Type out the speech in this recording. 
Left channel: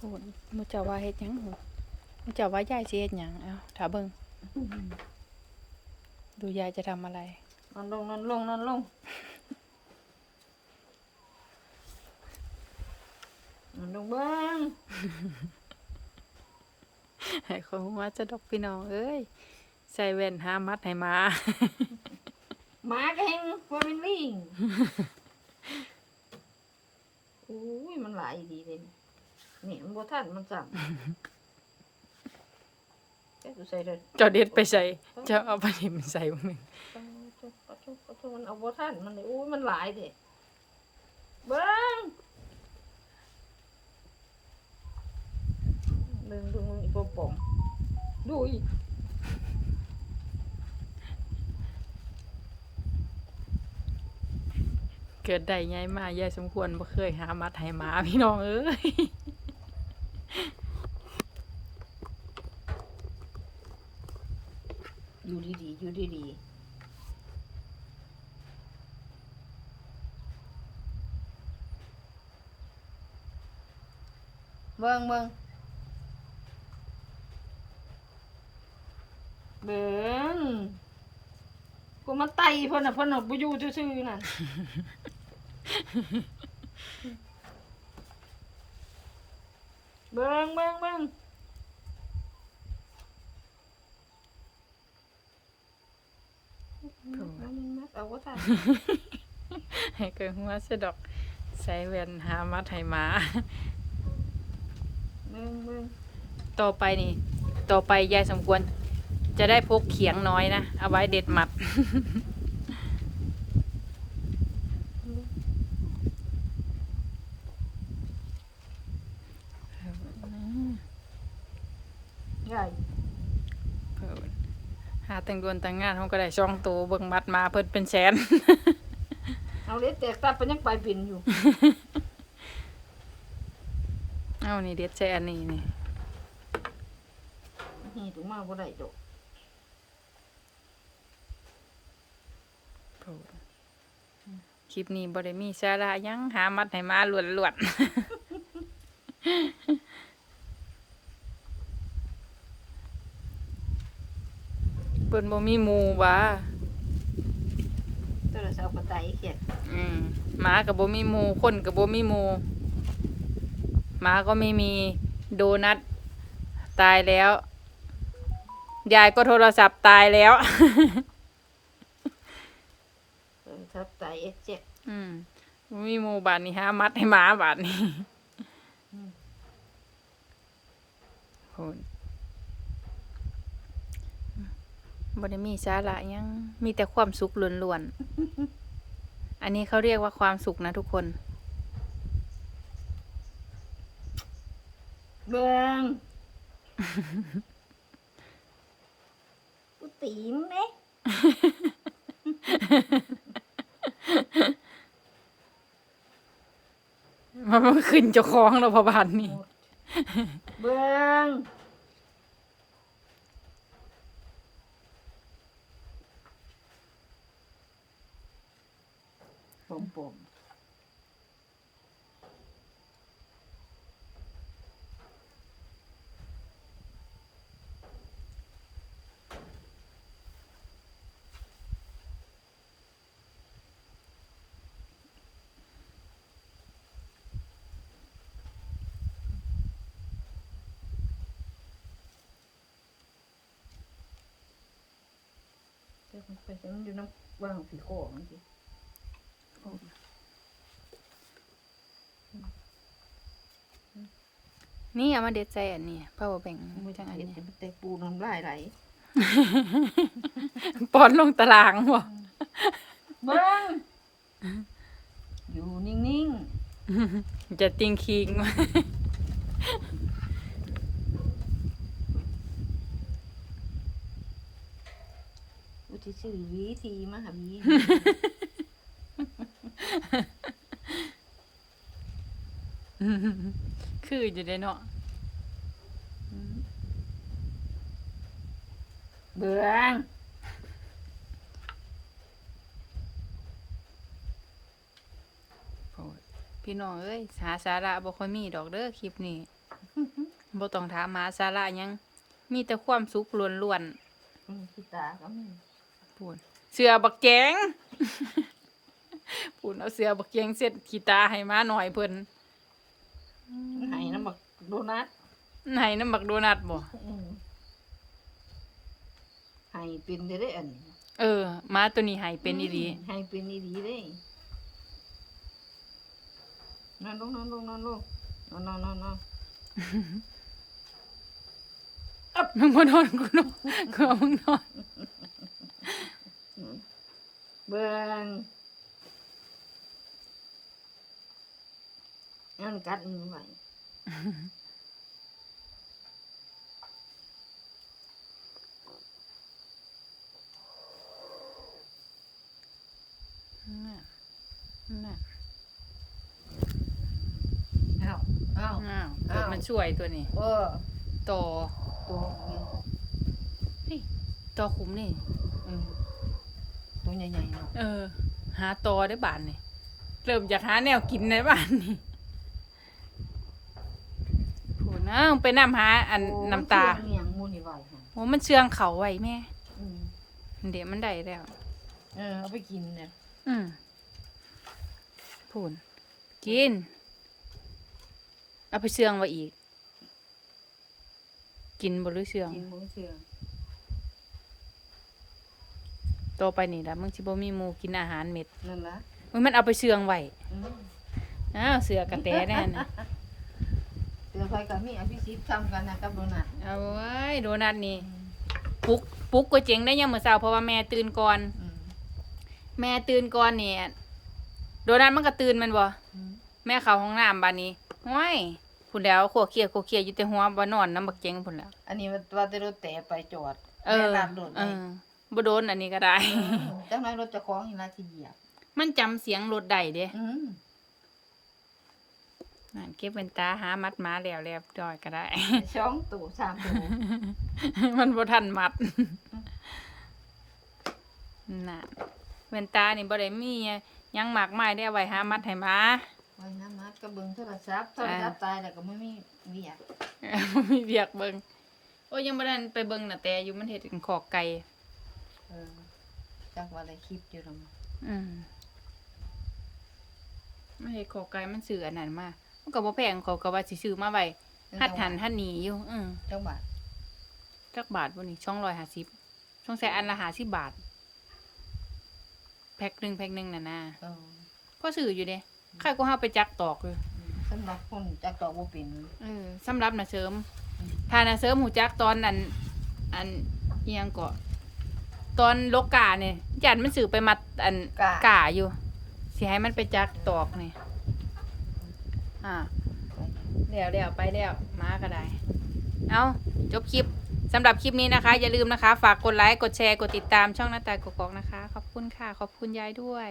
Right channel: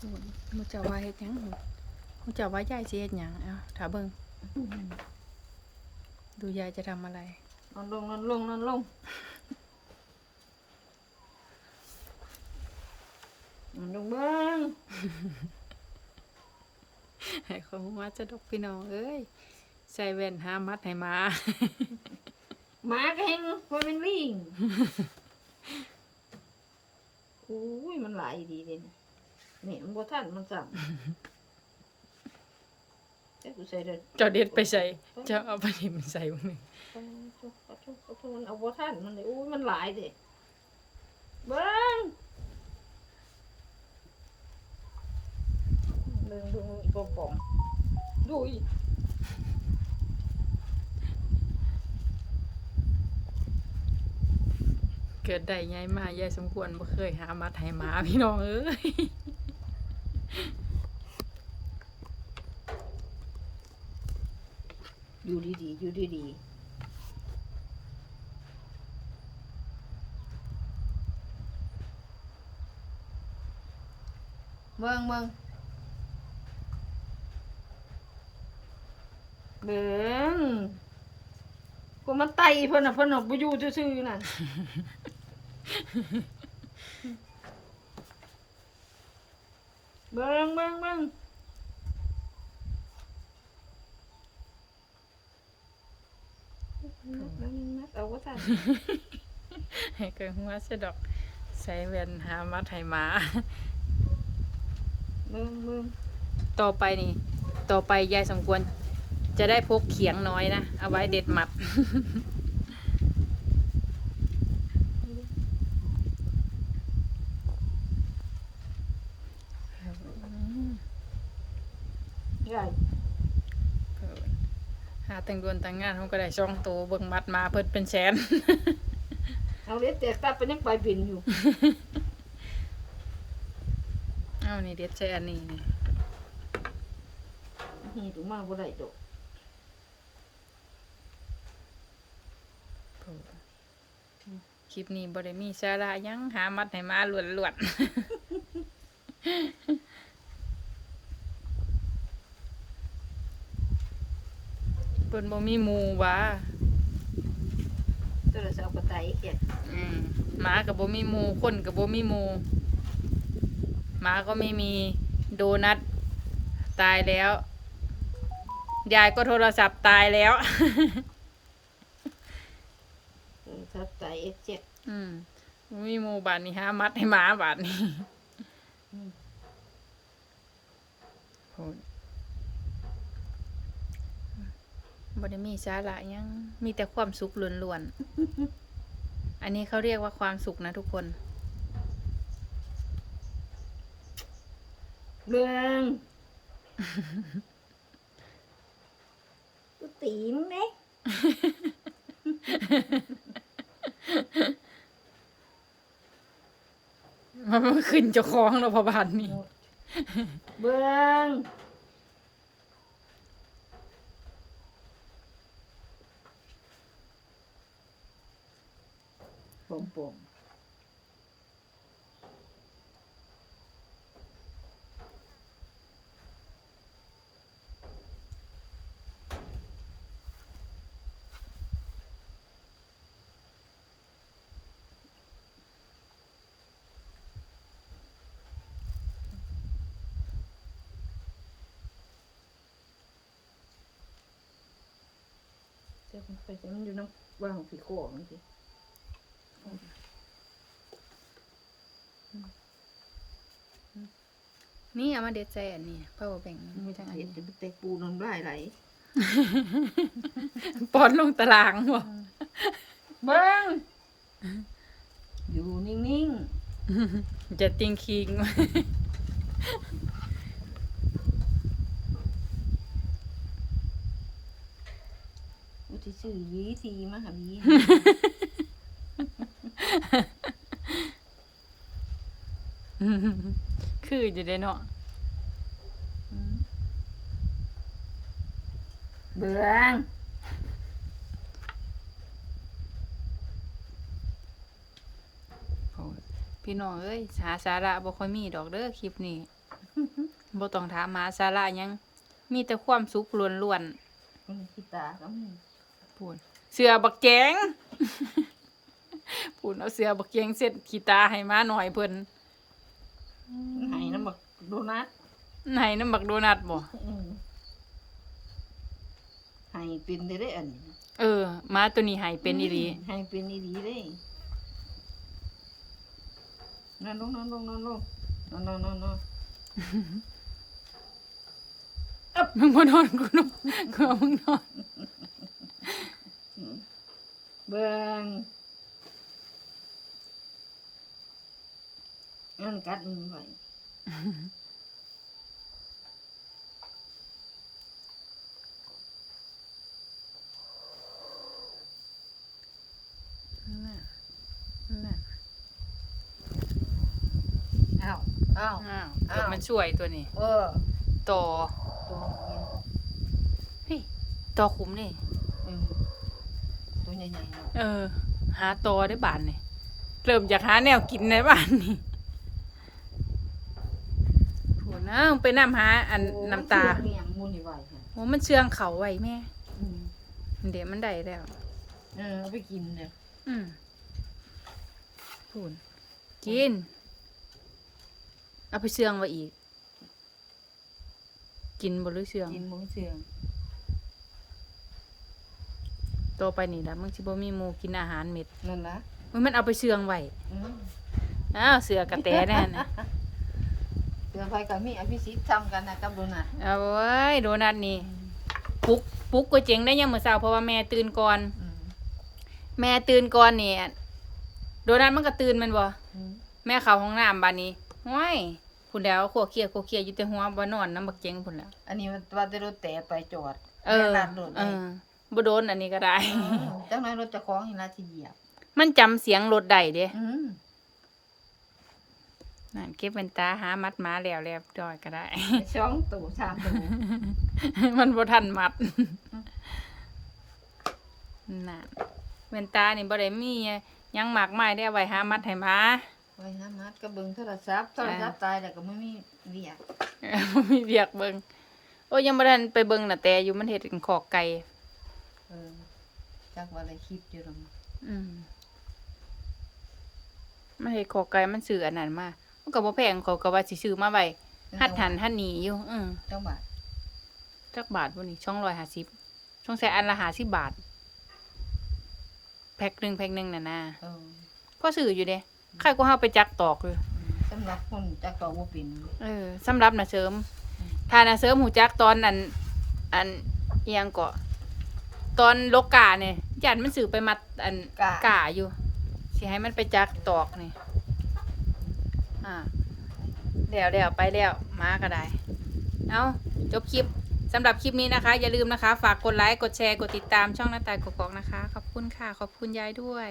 พูดมุเจ้าว่าเฮ็ดหยังพูดมุเจ้าว่ายายสิเฮ็ดหยังเอ้าถ้าเบิ่งดูยายจะทำอะไร นอนลงนอนลงนอนลงนอนลงเบิ้งให้เขามาจะดอกพี่น้องเอ้ย ใส่แว่นหามัดให้มาหมาก็แห้งพอเป็นลิงโอ้ยมันหลายดีเลย นี่นี่มันบ่ทันมันสั่งเอ้ยกูใส่เลยเจ้าเด็ดไปใส่เจ้าเอาไปหิมใส่บ่แม่นขอโทษขอโทษมันเอาบ่ทันมันเลยโอ้ยมันหลายเด้เบิ้งเบิ่งเบิ่งเบิ่งอีปอมปอมๆดูอีเกิดได้ไงมายายสมควรบ่เคยหามัดให้หมาพี่น้องเอ้ย อยู่ดีๆอยู่ดีๆเบิ่งเบิ่งเบิ่งกูมันไตเพิ่นน่ะเพิ่นน่ะบ่อยู่ซื่อๆนั่นเบิ่งเบิ่งเบิ่ง มัดบ่แม่นมัดเอาบ่ทันให้เกิดหัวซะดอกใส่แว่นหามัดให้หมา เบิ่งเบิ่งต่อไปนี่ ต่อไปยายสมควร จะได้พกเขียงน้อยนะ เอาไว้เด็ดหมัด ใหญ่ หา แต่งดวนแต่งงานเขาก็ได้ช่องตัวเบิ่งมัดมาเพิ่นเป็นแสน เอาเล็ดแตกตับไปยังไปบินอยู่ เอานี่เด็ดใส่อันนี้นี่นี่ถูกมาบ่ได้ดอกโถ่คลิปนี้บ่ได้มีสาระหยังหามัดให้มาล้วนๆ พิ่นบ่มีหมู่หว่าตัวละสาวกระไตเขียนอืมหมากับบ่มีหมูคนกับบ่มีหมูหมาก็ไม่มีโดนัทตายแล้ว ยายก็โทรศัพท์ตายแล้วตัวละทับไตเอ็กเจ็ดอืมบ่มีหมูบาทนี่หามัดให้หมาบาทนี่โหน บ่ได้มีสาระหยังมีแต่ความสุขล้วนๆ อันนี้เขาเรียกว่าความสุขนะทุกคน เบิ่งกูตีมงเด้มันขึ้นเจ้าของแล้วพอบานนี่ เบิ่ง ปมปมแต่คนไปแต่มันอยู่น้ำว่างผีโขมั นสินี่เอามาเด็ดใจอันนี้เป้าแบ่งไม่จัใช่งอันเห็นี้นจะไปเตะปูนอนไล่ไหลปอนลงตารางบ่เบิ้งอยู่นิ่งจะติงคิงๆอุทิสื่อวิธีมาหาวี คืออยู่ได้เนาะเบิ้งโอ้ยพี่น้องเอ้ยหาสาระบ่ค่อยมีดอกเด้อคลิปนี้บ่ต้องถามหาสาระหยัง มีแต่ความสุขล้วนอืมขี้ตาก็มีๆพูนเสือบักแจง พูนเอาเสือบักแจงเสร็จขี้ตาให้มาหน่อยเพิ่นไห้น้ำบักโดนัทไหนน้ำบักโดนัทบ่อืมไห้เป็นได้ได้อันนี้เออหมาตัวนี้ให้เป็นอีหลีมไห้เป็นอีหลีได้นอนลงนอนลงนอนลงนอนนอนนอนนอนมึงบ่นอนกูนอนกูเอามึงนอนเบิ่ง นั่นกัดมือไว้น่ะน่ะอ้าวอ้าวอ้าวอ้าวมันช่วยตัวนี้เออต่อตัวนี้ต่อคุ้มนี่อืมตัวใหญ่ๆเนาะเออ หาต่อได้บานนี่เริ่มอยากหาแนวกินในบ้านนี่ โหนะไปนำหาอันโอ้น้ำตามันเชื่องเมียงมูนี่ไว้ค่ะโอ้มันเชื่องเขาไว้แม่อืมเดี๋ยวมันได้แล้ว เออเอาไปกินเนี่ยอืมพูนกิน เอาไปเชื่องไว้อีก กินบ่หรือเชื่อง กินหมูเชื่องต่อไปนี่ละมึงสิบ่มีหมูกินอาหารเม็ดนั่นนะมึงมันเอาไปเชื่องไว้อืมอ้าวเสือกระแตแน่นะ เดี๋ยวไปกับมีอภิสิทธิ์ทำกันนะกับโดนัทเอาไว้โดนัทนี่ปลุกปลุกก็เจ๋งได้ยังมื้อเช้าเพราะว่าแม่ตื่นก่อน อืมแม่ตื่นก่อนนี่โดนัทมันก็ตื่นแมันบ่อืมแม่เข้าห้องน้ำบัดนี้ห้วยพุ่นแล้วขัวเคียขัวเคียอยู่แต่หัวบ่นอนน้ำบักเจ๋งพุ่นแล้วอันนี้ว่าแต่รถแต่ไปจอดเออแม่ลาดรถเอไว้อบ่โดนอันนี้ก็ได้ มจังไรรถเจะคล้าของอีนาทีเหยียบ มันจำเสียงรถได้เด้อืม นั่นเก็บเป็นตาหามัดหมาแล้วแล้วจอยก็ได้ สองตู่สามตู่มันบ่ทันมัดนั่นเวนตานี่บ่ได้มีหยังมากมายได้เอาไว้หามัดให้หมาไว้หามัดก็เบิ่งโทรศัพท์โทรศัพท์ตายแล้วก็ไม่มีเรียกบ่มีเวียกเบิ่งโอ้ยยังบ่ทันไปเบิ่งน่ะแต่อยู่มันเฮ็ดเป็นขอกไก่เออจักว่าอะไรคลิปอยู่ตรงอืมมันเฮ็ดขอกไก่มันซื้ออันนั้นมา มันก็บ่แพงเขาก็ว่าสิซื้อมาไว้หัดหันหัดหนีอยู่ อือจังบาทจักบาทบ่นี่250ช่องใส่อันละ50บาท แพ็คหนึงแพ็คหนึงน่ะนะเออก็ซื้ออยู่เด้ใครก็เฮาไปจักตอกอยู่อืมสำหรับคนจักต่อบ่เป็น เออสำหรับน่ะเสริมอืม ถ้าน่ะเสริมหูจักตอนนั้นอันอิหยังก็ตอนโลกาเนี่ยยันมันสื่อไปมัดอันกากาอยู่สิให้มันไปจักตอกนี่ อ่าแล้วแล้วไปแล้วมาก็ได้ เอาจบคลิปสำหรับคลิปนี้นะคะ อย่าลืมนะคะ ฝากกดไลค์ กดแชร์ กดติดตามช่องหน้าตายกกอกนะคะ ขอบคุณค่ะ ขอบคุณยายด้วย